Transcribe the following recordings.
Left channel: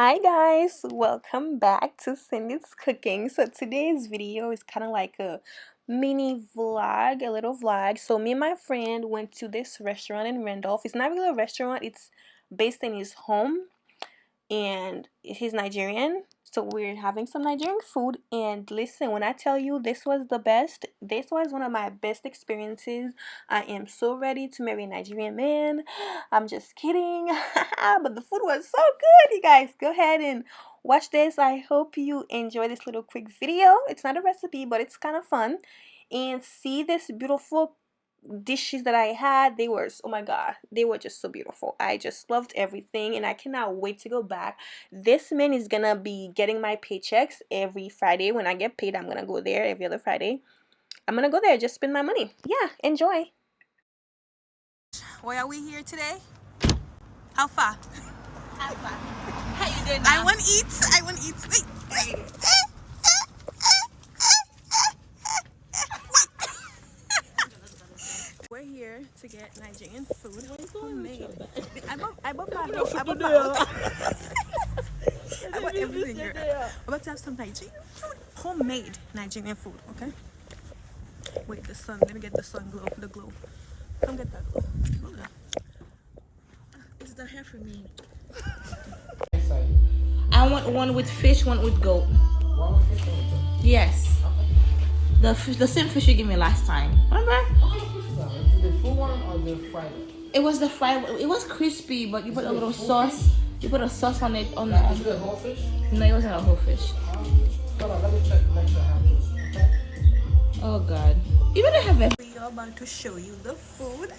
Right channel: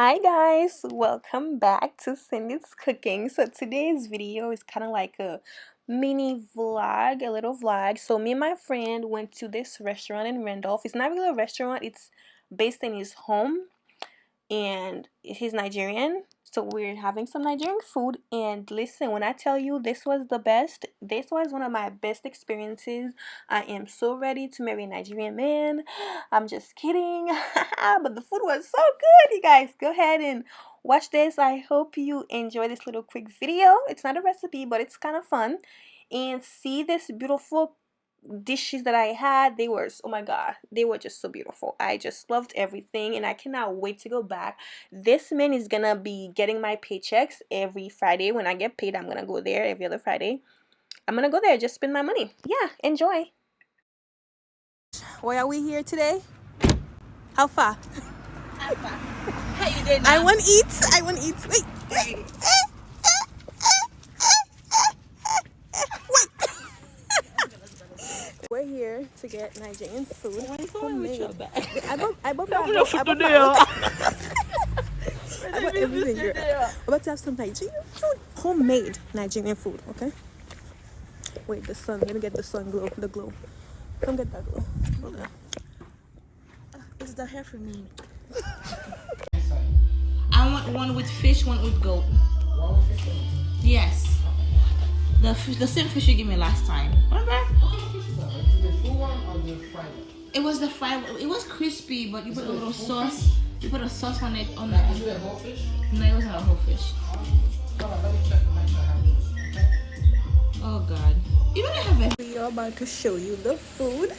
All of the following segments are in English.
Hi guys, welcome back to Cindy's Cooking. So today's video is kind of like a mini vlog, a little vlog. So me and my friend went to this restaurant in Randolph. It's not really a restaurant, it's based in his home, and he's Nigerian. So we're having some Nigerian food, and listen, when I tell you this was the best, this was one of my best experiences. I am so ready to marry a Nigerian man. I'm just kidding. But the food was so good, you guys. Go ahead and watch this. I hope you enjoy this little quick video. It's not a recipe, but it's kind of fun. And see this beautiful dishes that I had. They were, oh my god, they were just so beautiful. I just loved everything, and I cannot wait to go back. This man is gonna be getting my paychecks every Friday. When I get paid, I'm gonna go there every other Friday. I'm gonna go there, just spend my money. Yeah, enjoy. Why are we here today? How far? How far? How you doing now? I want to eat. I want to eat. Wait. We're here to get Nigerian food, homemade. I bought everything here. I'm about to have some Nigerian food, homemade Nigerian food. Okay. Wait, the sun. Let me get the sun glow. The glow. Come get that glow. Hold on. It's the hair for me. I want one with fish, one with goat. Yes. The same fish you gave me last time. Remember? The full one or the fried? It was the fried. It was crispy, but you put a little sauce. You put a sauce on it. On the. Is it a whole fish? No, it wasn't a whole fish. Hold on, let me check to make sure I have this. Okay. Oh God. You better have it. We are about to show you the food.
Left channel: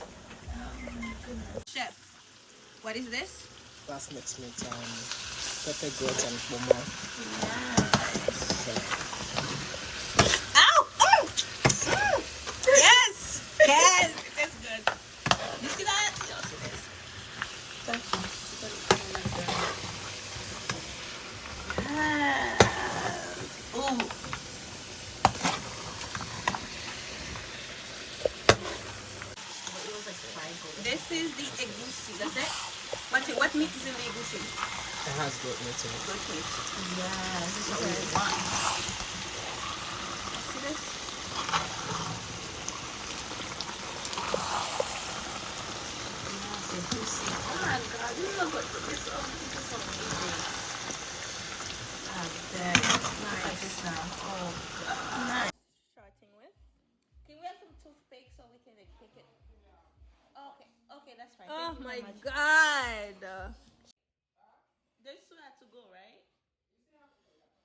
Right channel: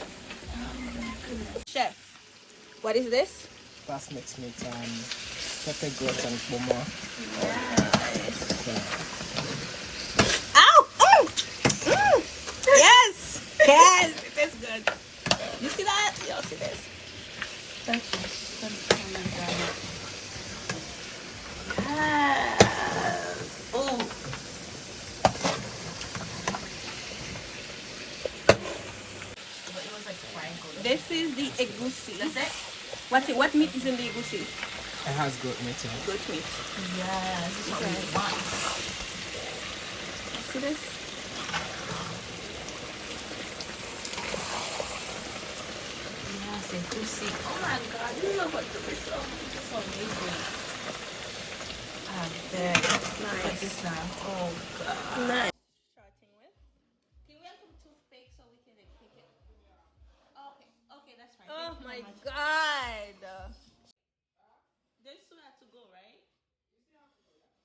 Chef, what is this? That's mixed with pepper grits and pluma. Ow! Oh! Yes! Yes! It is good. You see that? You don't see this. Oh. This is the Egusi. Is it? What meat is in the Egusi? It has goat meat in it. Goat meat. Yeah, this is what we want. See this? Yes, Egusi. Oh my God, you look like this so beautiful. I bet. Look at this now. Oh God. Nice. Can we have some toothpicks so we can pick it? Okay, that's right. Oh Thank you my very much. god. There's SUYA to go, right?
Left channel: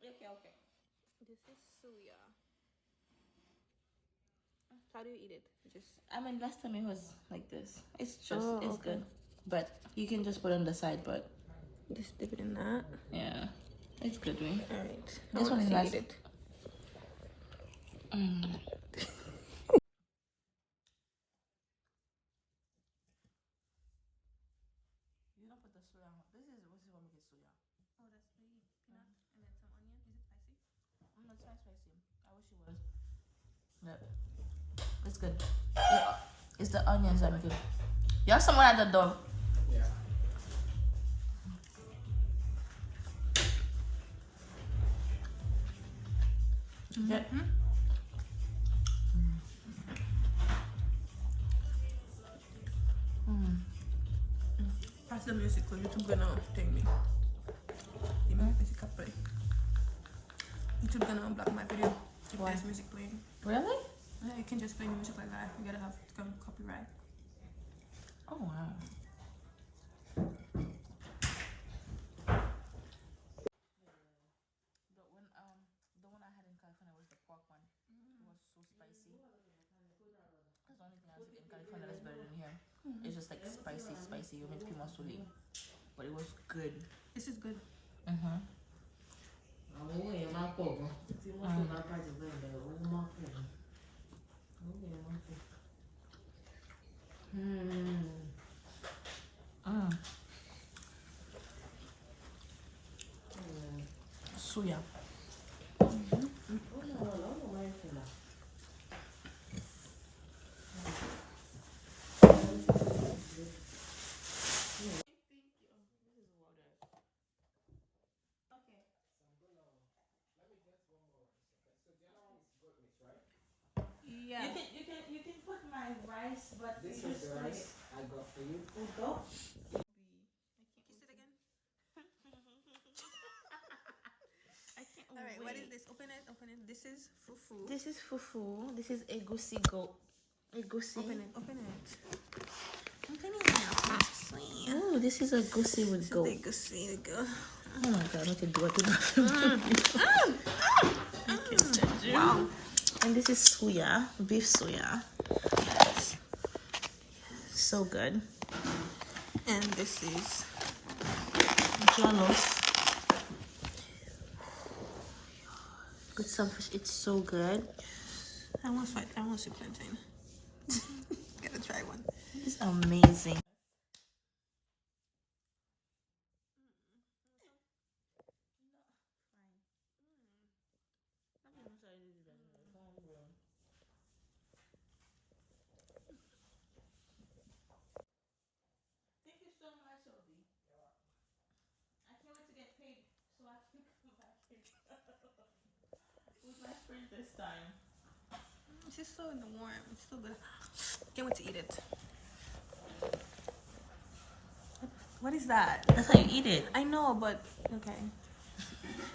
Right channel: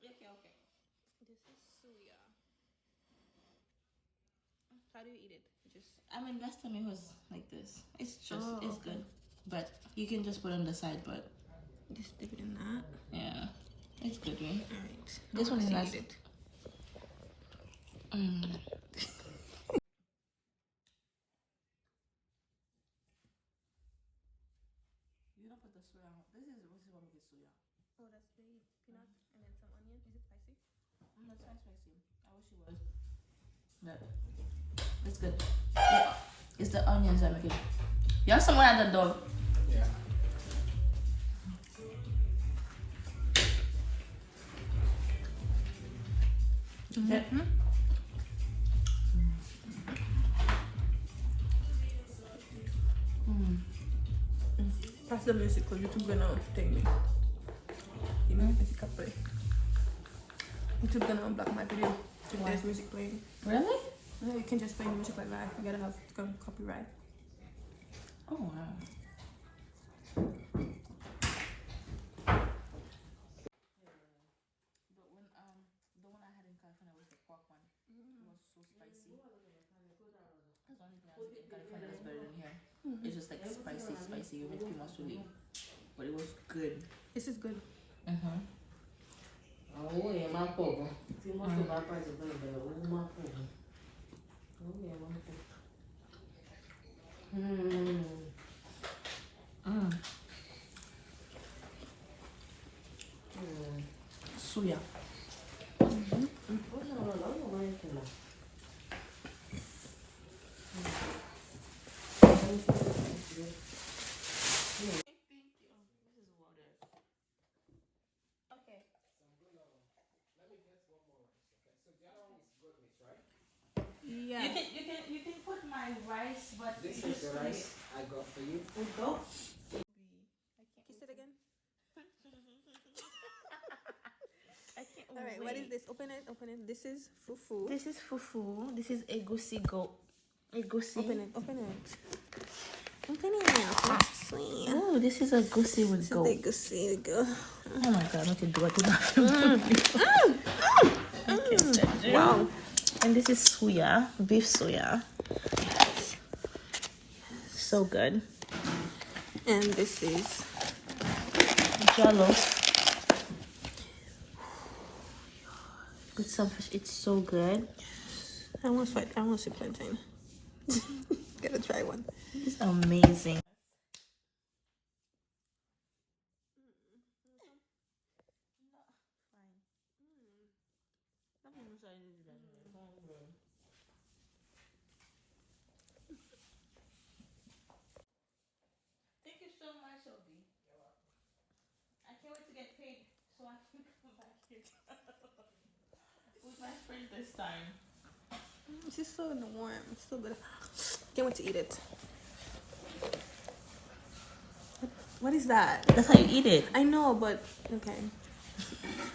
Okay. This is SUYA. How do you eat it? Just I mean, last time it was like this. It's just, Oh, it's okay. good. But you can just put it on the side, but just dip it in that. yeah, it's good, right? Alright. This one has it. You don't put the SUYA on. This is what we get SUYA. Oh, that's the peanut and then some onion. Is it spicy? It's not spicy. I wish it was. But it's good. Yeah. It's the onions that make it. You have someone at the door. Yeah. Pass the music because YouTube gonna take me. The music can play. YouTube gonna unblock my video if Why? there's music playing. Really? No, you can just play music like that. You gotta have copyright. Oh wow. The one I had in California was the pork one. It was so spicy. That's the only thing I was in California that's better than here. It's just like spicy. You make too much to eat. But it was good. This is good. SUYA. fried rice, but This is the rice I got for you. Go. Kiss it again. I can't. All right, what is this? Open it. Open it. This is fufu. This is fufu. This is egusi goat. Egusi. Open it. Open it. Open it. Sweet. Oh, this is egusi with goat. Egusi. Go. Oh my god, I can do it. Okay, Wow. and this is SUYA, beef SUYA. So good. And this is JOLLOF. With some fish, it's so good. I want sweet plantain. Gotta try one. It's amazing. Thank you so much, Obi. I can't wait to get paid so I can come back here with my friend this time. It's just so warm. It's so good. Can't wait to eat it. What is that? That's how you eat it. I know, but okay.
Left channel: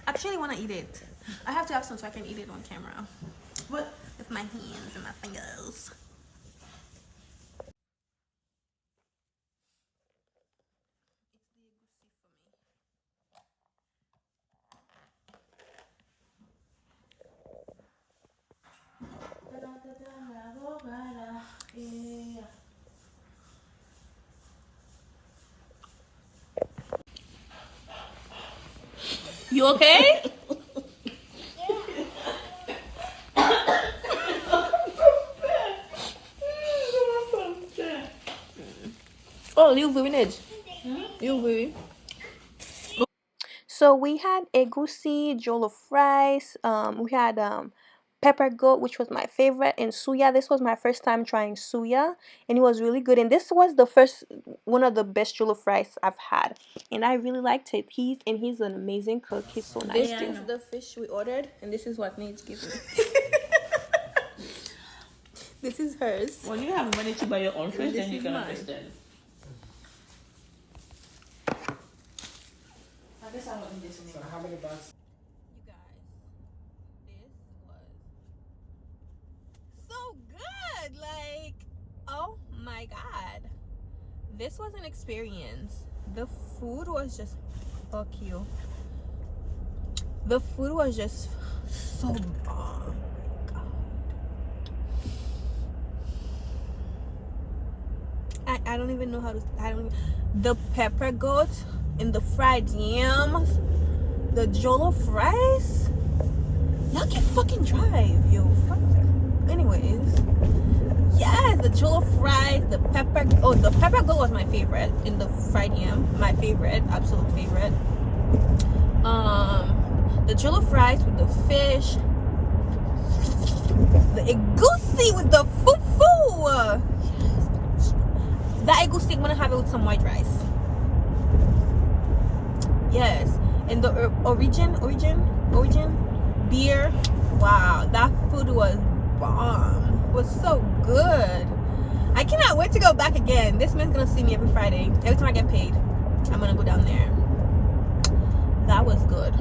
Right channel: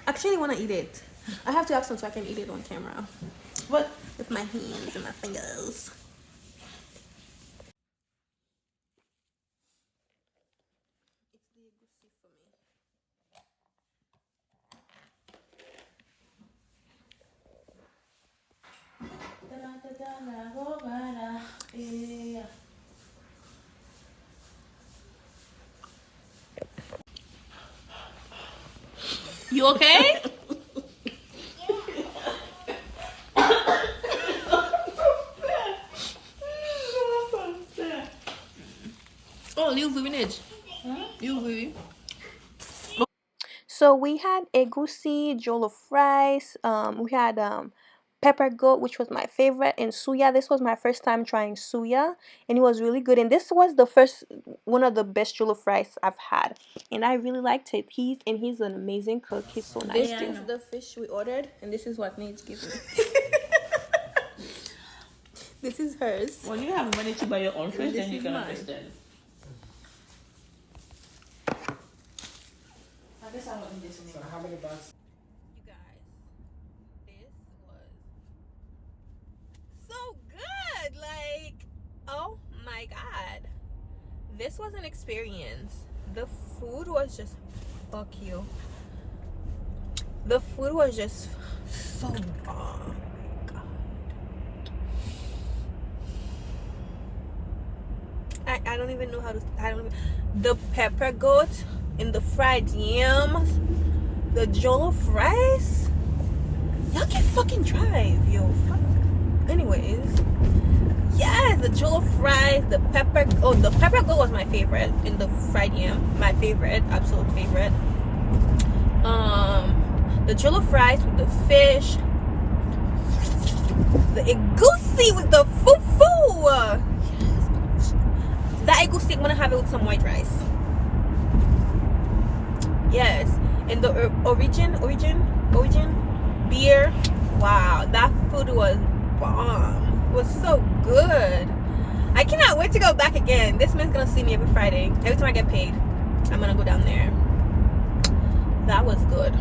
I actually want to eat it. I have to have some so I can eat it on camera. What? With my hands and my fingers. It's the egusi for me. You okay? Oh, you village. You village. So we had egusi, jollof rice. We had pepper goat, which was my favorite, and suya. This was my first time trying suya, and it was really good. And this was the first one of the best jollof rice I've had, and I really liked it. He's an amazing cook. He's so nice. This is the fish we ordered, and this is what Nate's giving me. This is hers. When you have money to buy your own fish, This then you is can mine. understand. I guess I want this one. So how many bags? You guys, this was so good. Like, oh my god, this was an experience. The food was just, fuck you. The food was just so bomb. I don't even know how to. The pepper goat and the fried yams, the jollof rice. Y'all can fucking drive, yo. Fuck. Anyways, yes, the jollof rice, the pepper. Oh, the pepper goat was my favorite, and the fried yam, my favorite, absolute favorite. The jollof rice with the fish, the egusi with the fufu. That egusi, I'm gonna have it with some white rice. Yes, and the origin beer. Wow, that food was bomb. It was so good. I cannot wait to go back again. This man's gonna see me every Friday. Every time I get paid, I'm gonna go down there. That was good.